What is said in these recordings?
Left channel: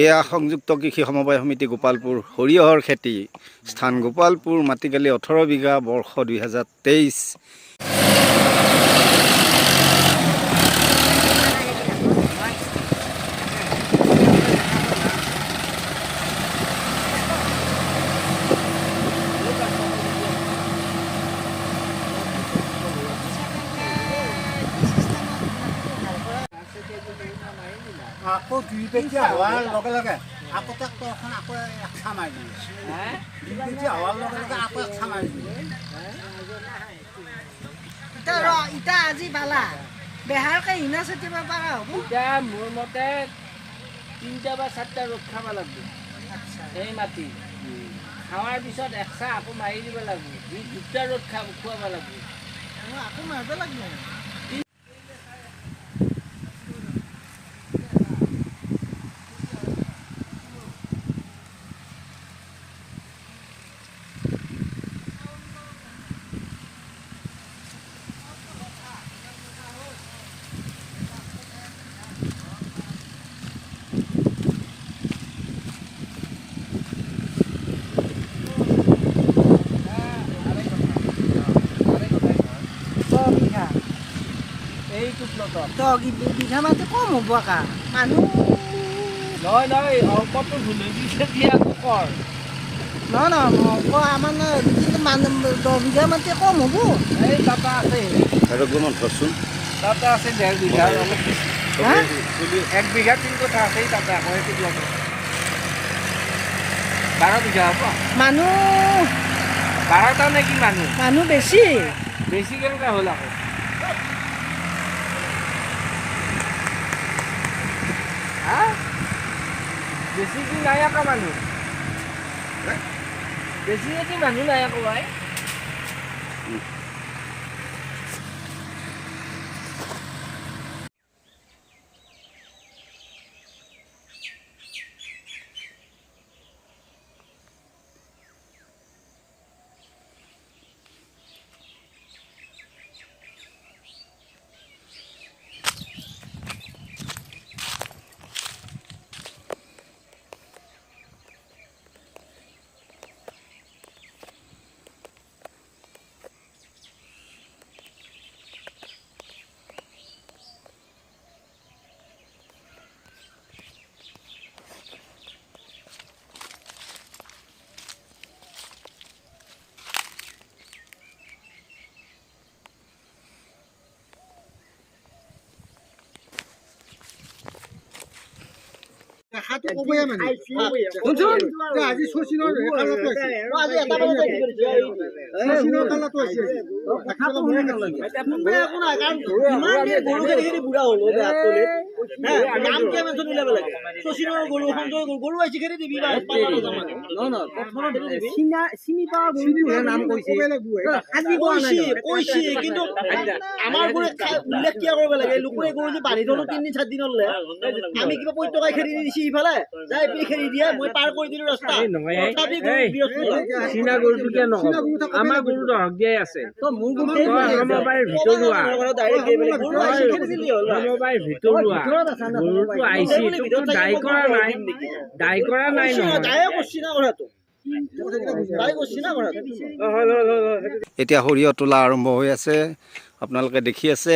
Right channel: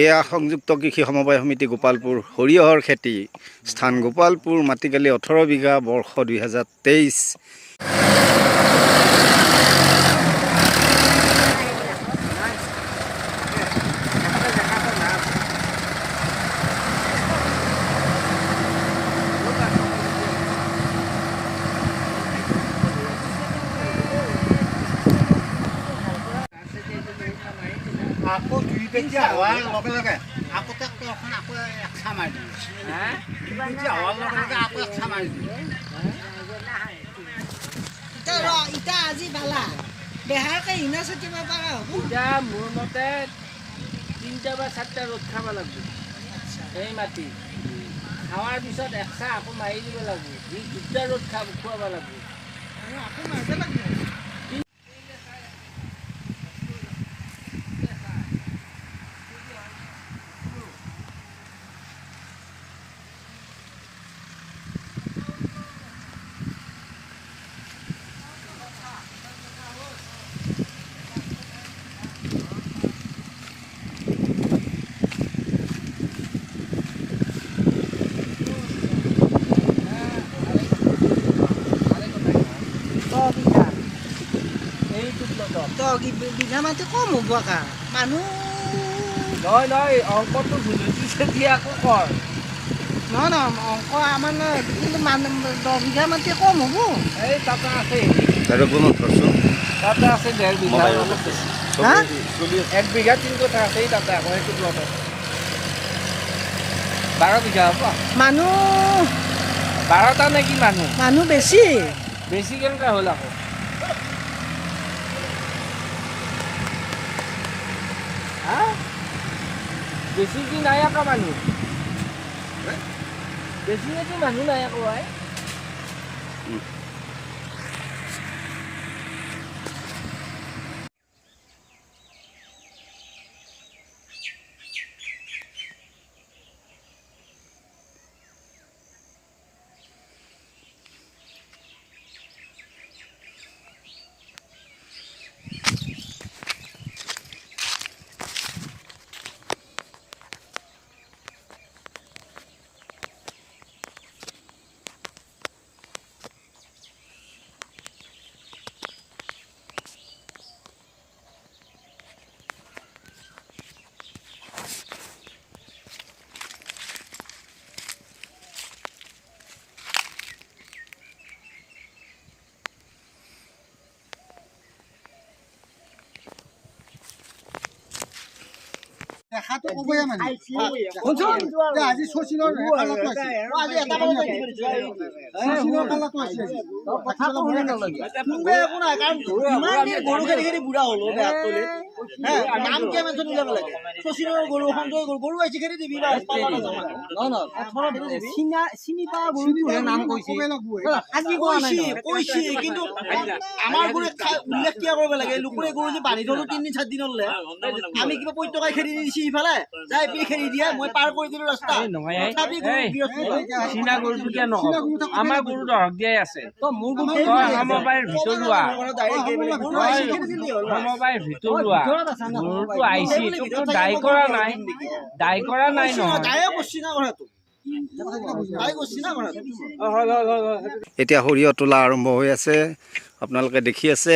এয়া সংযুক্ত কৃষি সমবায় সমিতি গোপালপুৰ সৰিয়হৰ খেতি স্থান গোপালপুৰ মাটিকালি 18 বিঘা বৰ্ষ 2023। আকৌ 2 কেজি হোৱাৰ লগে লগে আকৌ ট্ৰেক্টৰখন আকৌ একচা মাৰি দিম। 2 কেজি হোৱাৰ লগে লগে আকৌ একচা মাৰি দিম। ইটা আজি বালা বেহাৰকে হিনা চেতিব পাৰা হ'ব। ইটা মোৰ মতে 3টা বা 4টা ৰ'দ খাব লাগিব এই মাটি খাৱাৰ পিছত একচা আকৌ মাৰি দিব লাগিব। 2টা ৰ'দ খুৱাব লাগিব। আকৌ মাৰিব লাগিব। বিঘা মাটি কম হ'ব কা মানুহ নহয় অংকটো ভুল হৈছে দিয়া আকৌ কৰ নহয় আমাৰ 10 বিঘা মাটি কম হ'ব। এই তাতে আছে আৰু গুণত ধৰচোন তাতে আছে 1.5 বিঘাৰ অলপ বেছি। হা 1 বিঘা 3 কথা আছে তাতে আকৌ সেইটো লগত 12 বিঘা হ'ব মানুহ 12টা নেকি মানুহ বেছি কেনেকুৱা হ'ল আকৌ বেছি কি নাই আকৌ মানুহ বেছি কি মানুহ নাই আকৌ ভাই দেখাটো ক'বই মানে শুনচোন আজি শচীনৰ কালাটো আছে আজি এটা বজাত শচীনৰ কালাটো আছে কথাটো শুনি নালাগে কোনবে একো নাই কাৰণ আমি গৰুখিনি বুঢ়া হলো বেয়া তলে নাম কে মেনছন উলাব লাগে শচীনৰ গৰু সঞ্জয় গৰু আইছি খেৰি দিবি বা পালা না জামা ন প্ৰথমত চিনি পা গৰুটোৰ নাম কৈছে আজি কৈছি কিন্তু আমাৰ গৰু উল্লেখ কিয় কৰিব লাগে লোকৰে গৰু যে বান্ধি থলো 3 দিন 4 দিনলৈ আমি কিবা পইতকাই খেৰি দিছি ইফালে যাই পি খেৰি দিয়ে মই পাৰ কৰি দিলো ৰাস্তা তথাপি চিনা গৰুটো কিয় নহব আমাৰ গৰু দহক দিয়াই আছে তো মোৰ গৰু সমবায়ৰ ভিতৰুৱা গৰুটো আহিছে তোকতো দায় কৰা নাই নহয় দায় কৰছি না কৰাটো দায় কৰছি না কৰাটো এতিয়া সৰিয়হ তোলা আৰম্ভ হৈ আছে আপোনালোকে দেখি আছে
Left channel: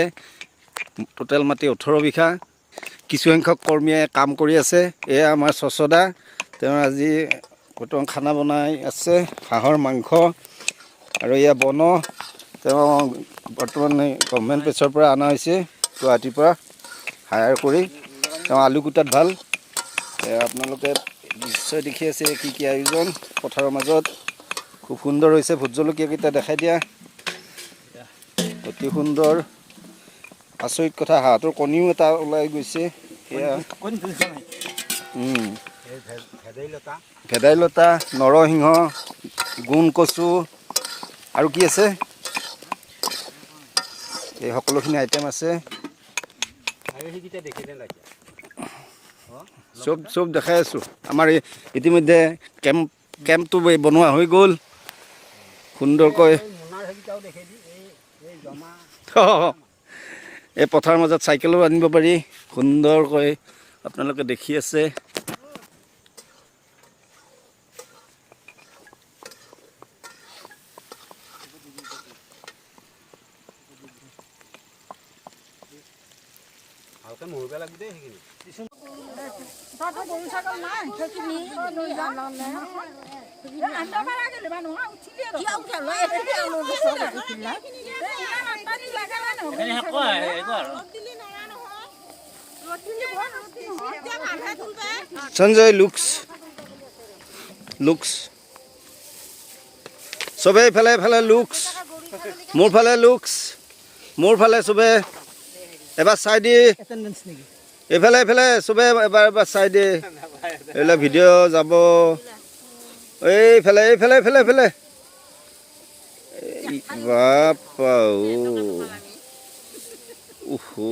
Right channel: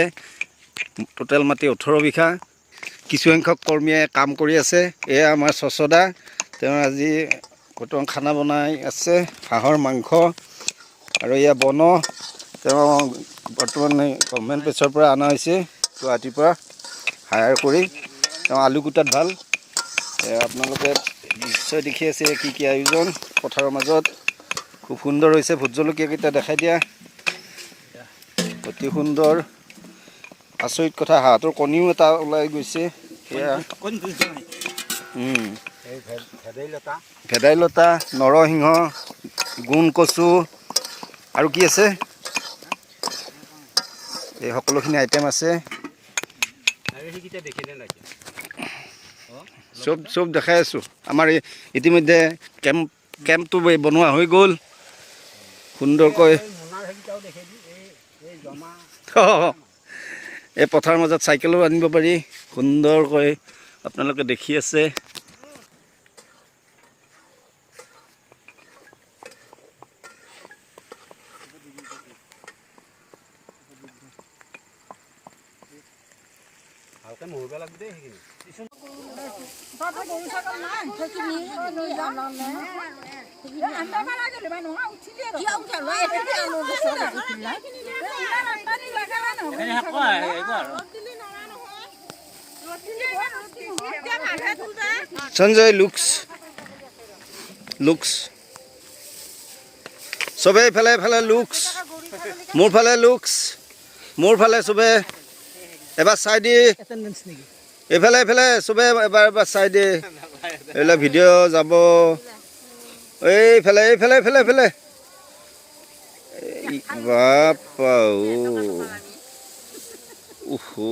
টোটেল মাটি 18 বিঘা কিছু সংখ্যক কৰ্মীয়ে কাম কৰি আছে এয়া আমাৰ চচদা তেওঁ আজি বৰ্তমান খানা বনাই আছে হাঁহৰ মাংস আৰু এয়া বন তেওঁ বৰ্তমান গভৰ্ণমেণ্ট পেছৰ পৰা অনা হৈছে গুৱাহাটীৰ পৰা হায়াৰ কৰি তেওঁ আলু কুটাত ভাল আপোনালোকে নিশ্চয় দেখি আছে কি আয়োজন পথাৰৰ মাজত খুব সুন্দৰ হৈছে ভোট জলকীয়াকেইটা দেখাই দিয়া অতি সুন্দৰ আচৰিত কথা হাঁহটোৰ কণীও এটা ওলাই গৈছে এয়া ভেদাইলতা নৰসিংহ গুণ কচু আৰু কি আছে এই সকলোখিনি আইটেম আছে চব দেখাই আছো আমাৰ ইতিমধ্যে কেম্পটো বনোৱা হৈ গ'ল সুন্দৰকৈ এই পথাৰৰ মাজত চাইকেলো আনিব পাৰি সুন্দৰকৈ আপোনালোকে দেখি আছে সঞ্জয় লুকস চবে এইফালে এইফালে লুকস মোৰ ফালে চবে এবাৰ চাই দি এইফালে এইফালে চবে এবাৰ চাই দি এইবিলাক ভিডিঅ' যাব এইফালে এইফালে এইফালে এইফালে বাপা ওহো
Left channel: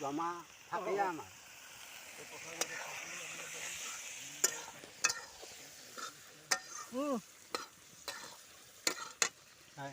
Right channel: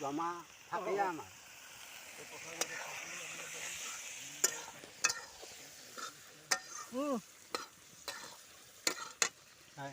জমা থাকেই আমাৰ নাই